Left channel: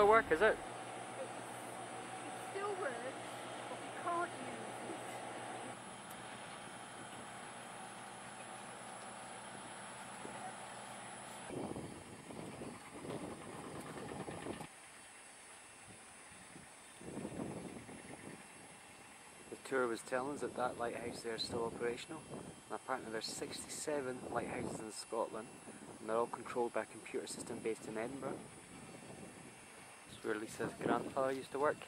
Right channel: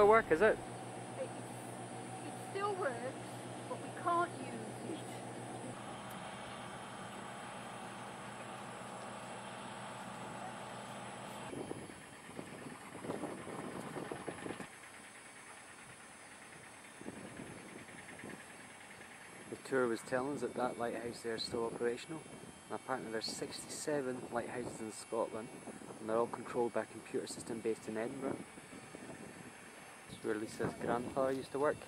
still work, is it? It still works, but we can't use it. The tour was telling us that that lighthouse there is still operational, and apparently there's 67 lighthouses in Scotland, and they're all controlled by a computer system based in Edinburgh. It's where Lisa's grandfather used to work.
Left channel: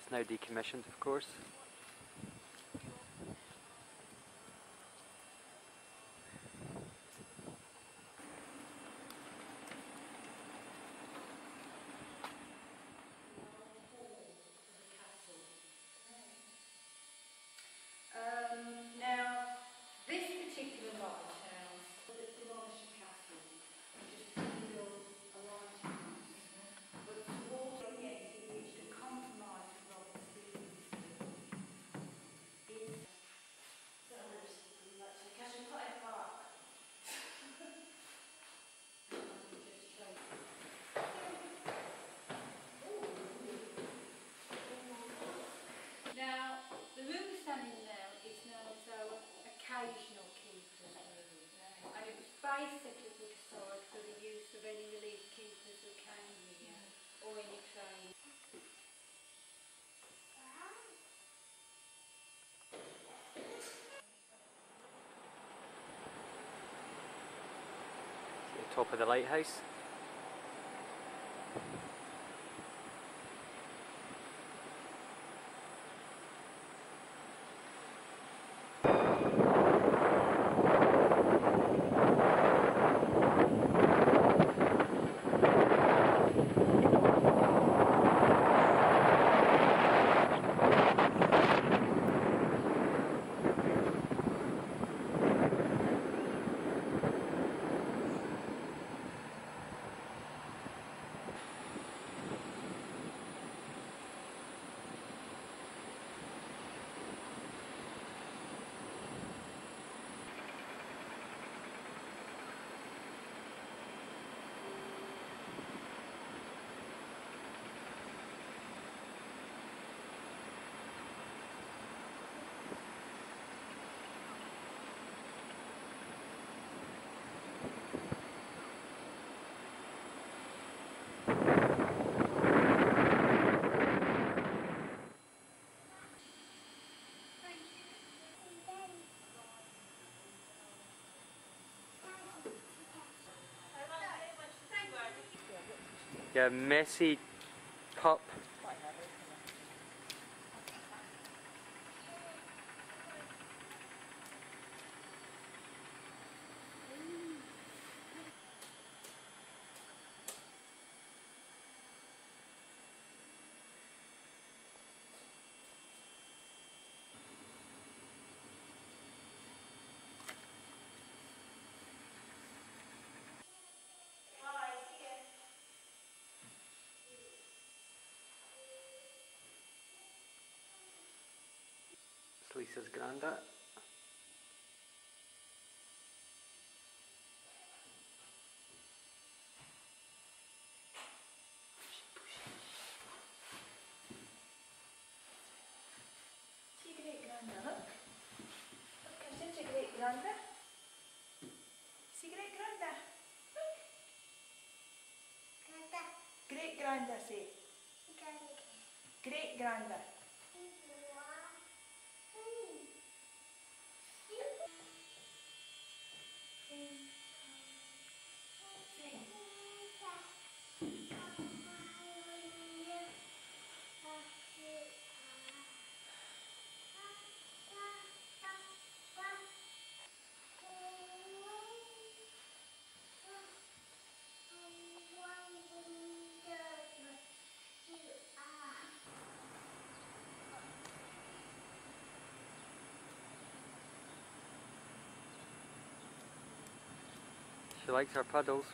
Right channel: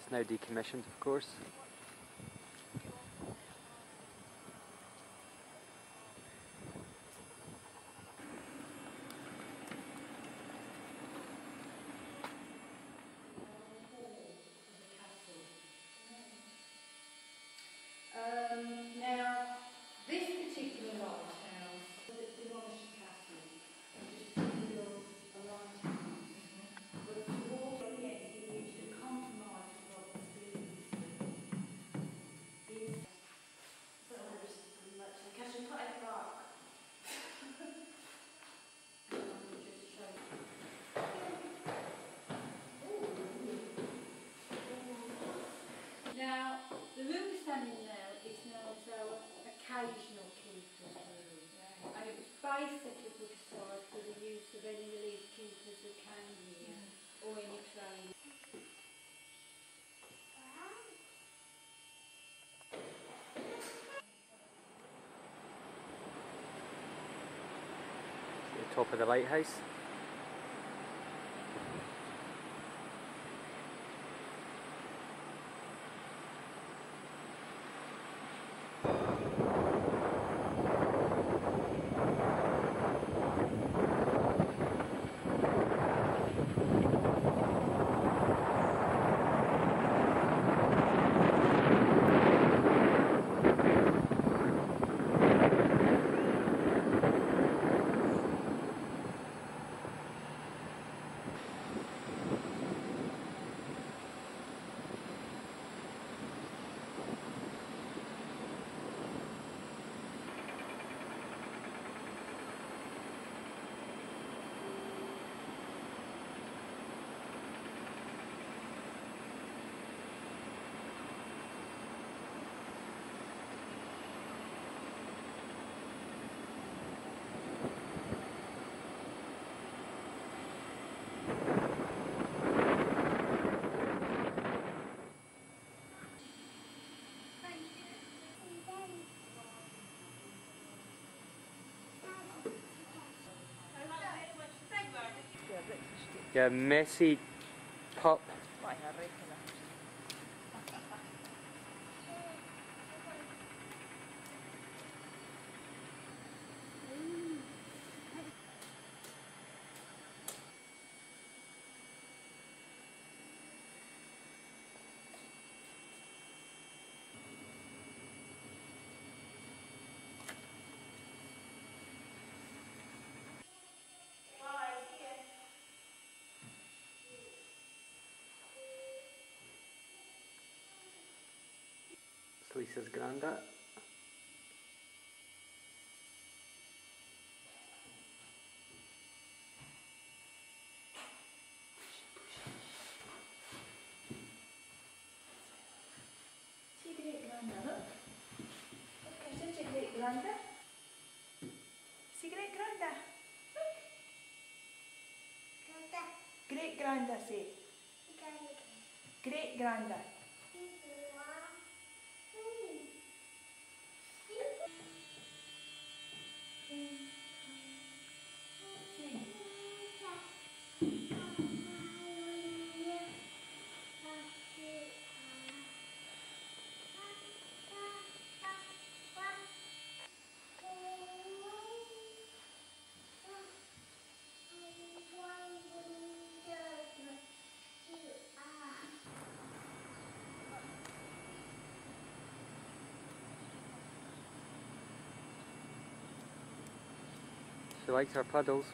It's now decommissioned, of course. Now, this particular lighthouse was a demolished castle, just built a lighthouse. But towards the end, he reached a compromise with Robert Stevenson. It's catch and put it back. Now, the room standing there is known as our occasional keeper's room, and it was basically put aside for the use of any relief keepers who came here, or any train. The top of the lighthouse. Yeah, messy pup. It's Lisa's granddad. See great granda, look. Look, there's your great granda. See great granda. Look. Granda. Great granda, say. Great granda. She likes her puddles.